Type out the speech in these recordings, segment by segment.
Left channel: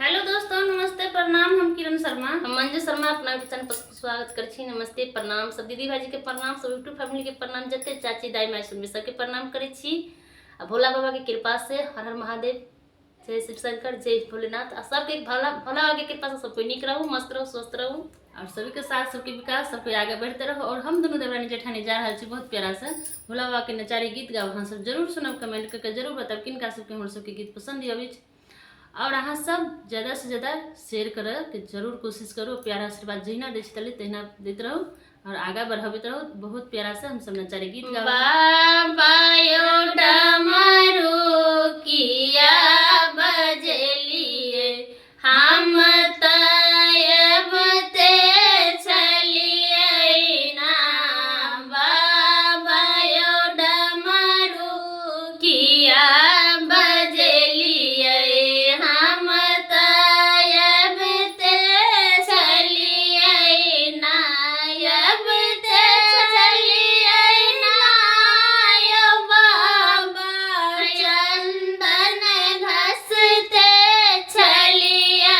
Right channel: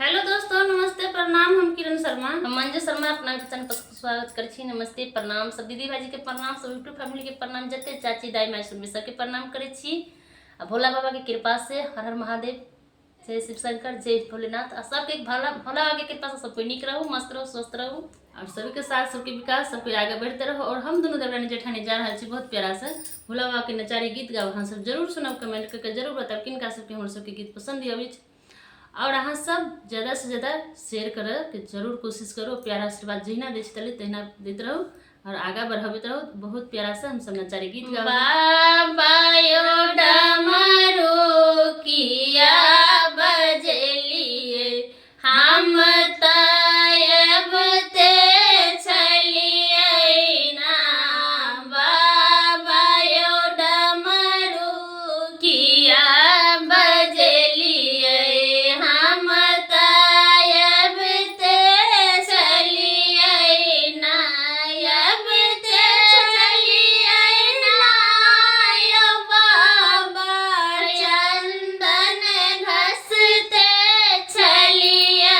Hello दोस्तों, नमस्ते प्रणाम। हम किरण शर्मा, हम मंजू शर्मा अपना चैनल पर स्वागत कर छी। नमस्ते प्रणाम सब दीदी भाजी के प्रणाम, सब यूट्यूब फैमिली के प्रणाम, जते चाची दाई माई सुनबे सबके प्रणाम करे छी। आ भोला बाबा के कृपा से हर हर महादेव, जय शिव शंकर, जय भोलेनाथ। आ सबके भोला भोला बाबा के कृपा से सब कोई निक रहू, मस्त रहू, स्वस्थ रहू और सभी के साथ सबके विकास, सबके आगे बढ़ते रहो। और हम दोनों देवरानी जेठानी जा रहा छी बहुत प्यारा से भोला बाबा के नचारी गीत गाओ। अहाँ सब जरूर सुनब, कमेंट करके जरूर बताब किनका सबके हमर सबके गीत पसंद अबै। और अहाँ सब ज़्यादा से ज़्यादा शेयर करे के जरूर कोशिश करो। प्यारा आशीर्वाद जहिना दै छी तहिना दैत रहू और आगा बढ़ाबैत रहू। बहुत प्यारा से हम सब नचारी गीत गाओ। बाबा यो डमरू किया बजलिए, हम तब ते चलिए ना। बाबा यो डमरू किया बजलिए, हम तब ते चलिए ना। अब ते चलिए ना यो बाबा, चंदन घसते चलिए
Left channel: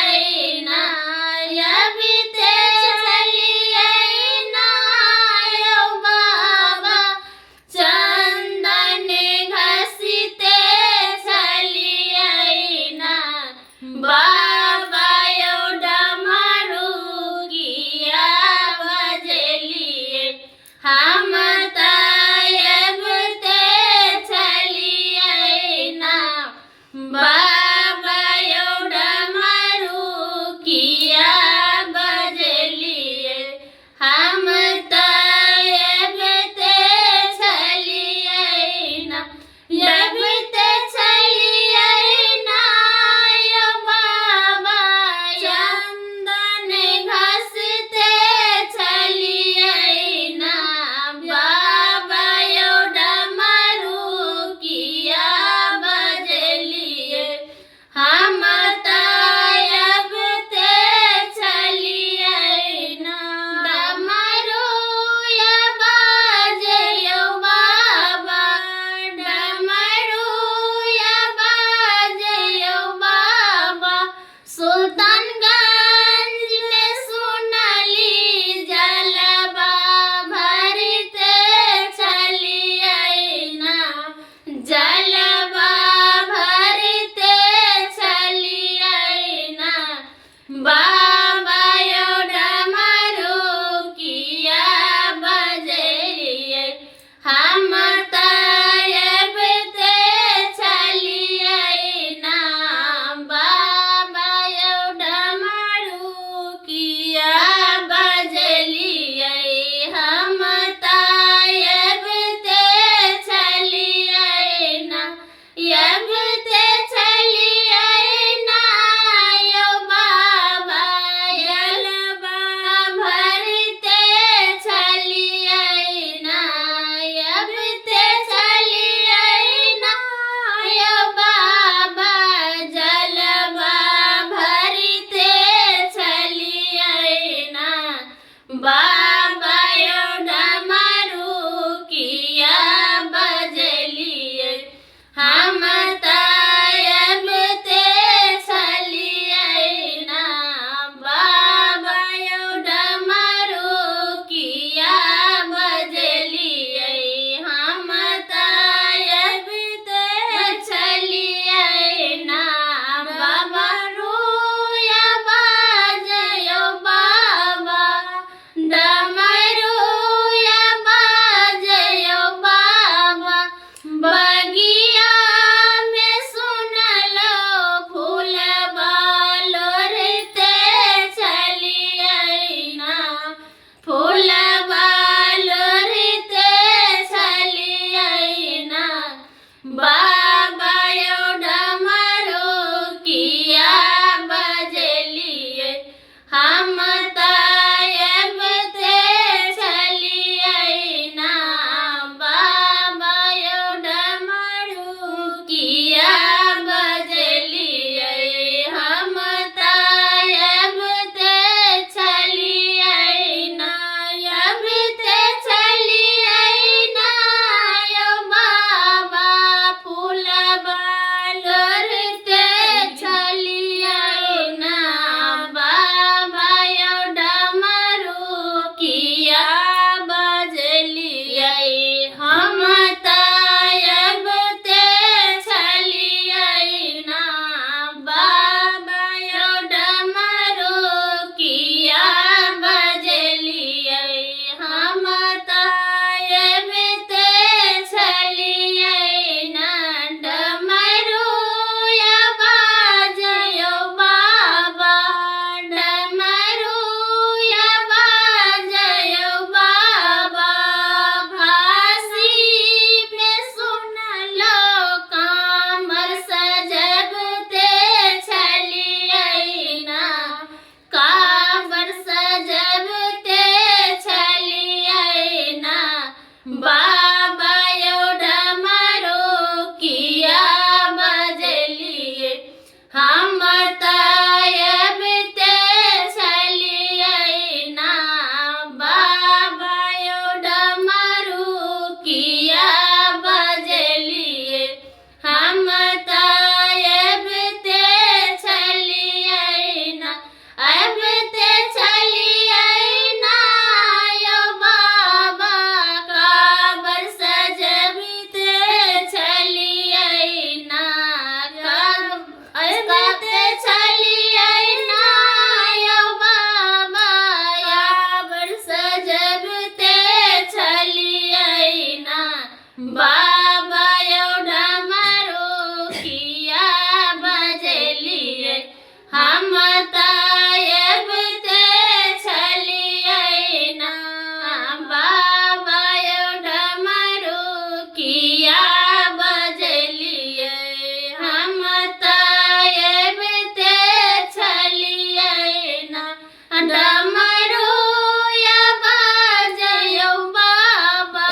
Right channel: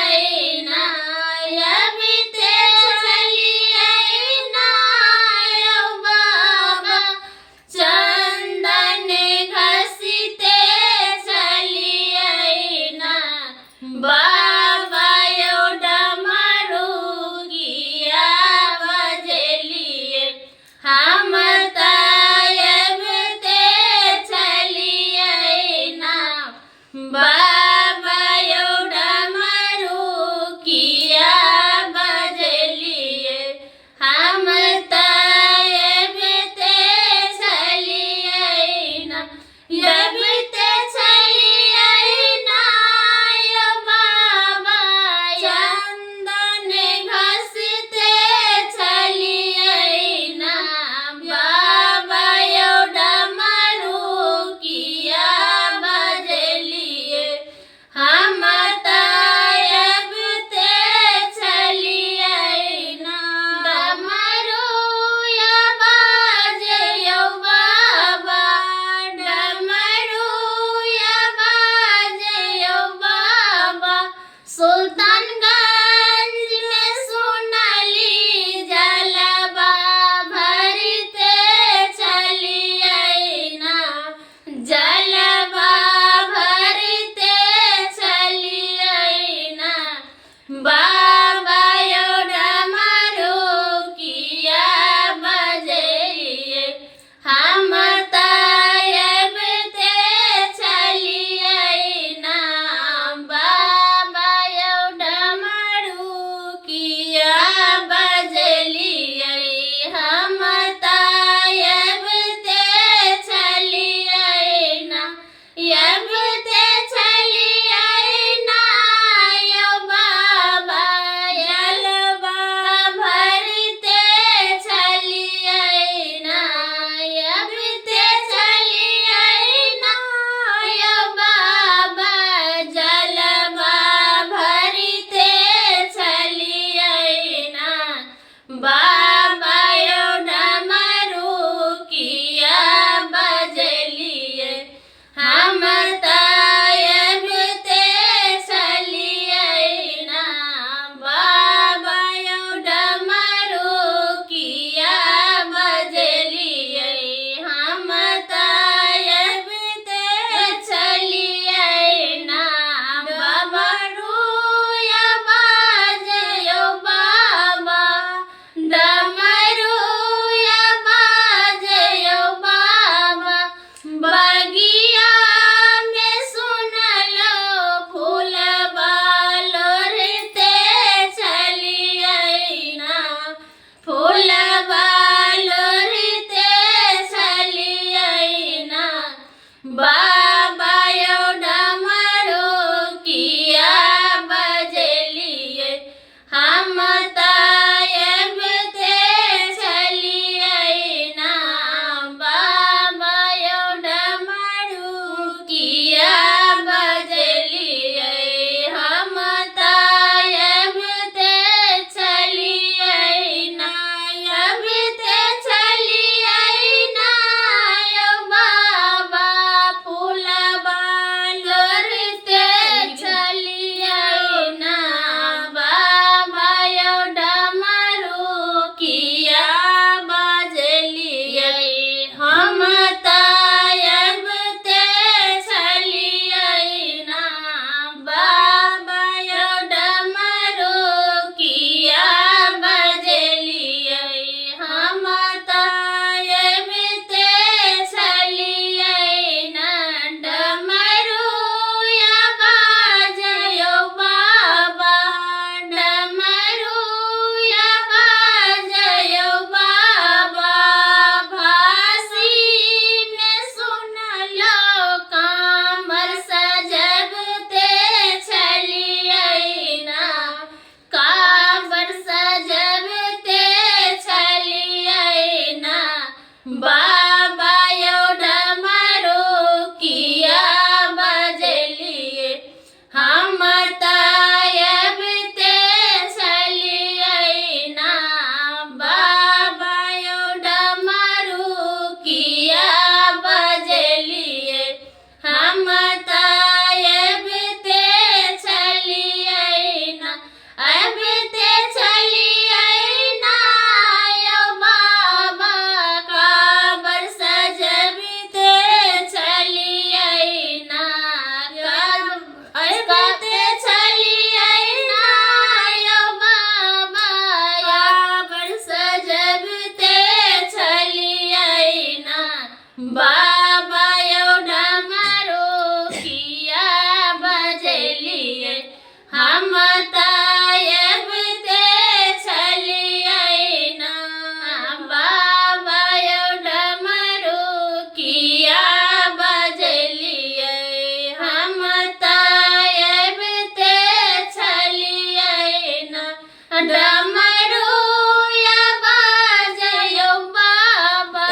डमरुया बाजयो बाबा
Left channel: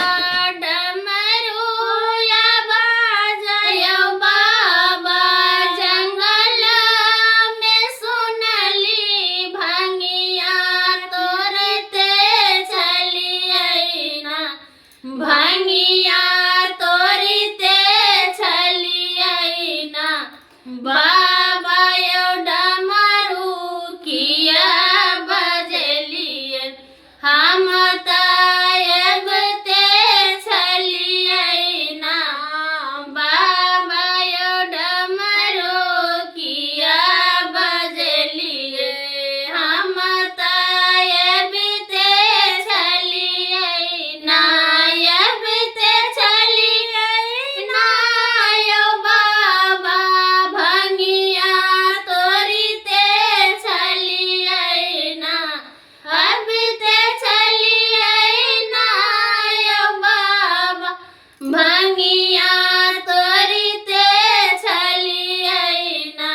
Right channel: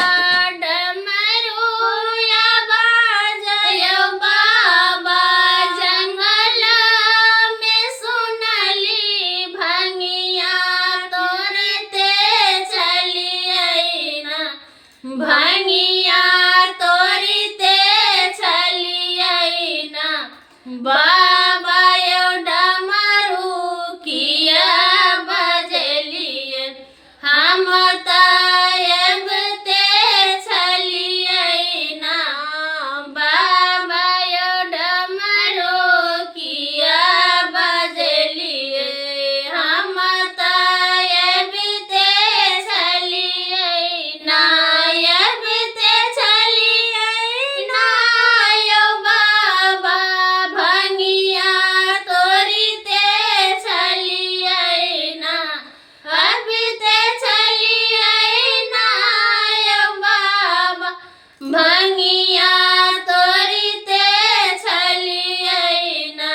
डमरुया बाजयो बाबा जंगल में सुनली भंगिया तोरे ते चली आईना भंगिया तोरी ते चली आईना बाबा यो डमरू किया बजलिए हम तायब ते चली आईना बाबा यो डमरू किया बजलिए हम तायब ते चली आईना यब ते चली आईना यो बाबा भंगिया तोरी ते चली आईना अब ते चली आईना यो बाबा भंगिया तोरी ते चली आईना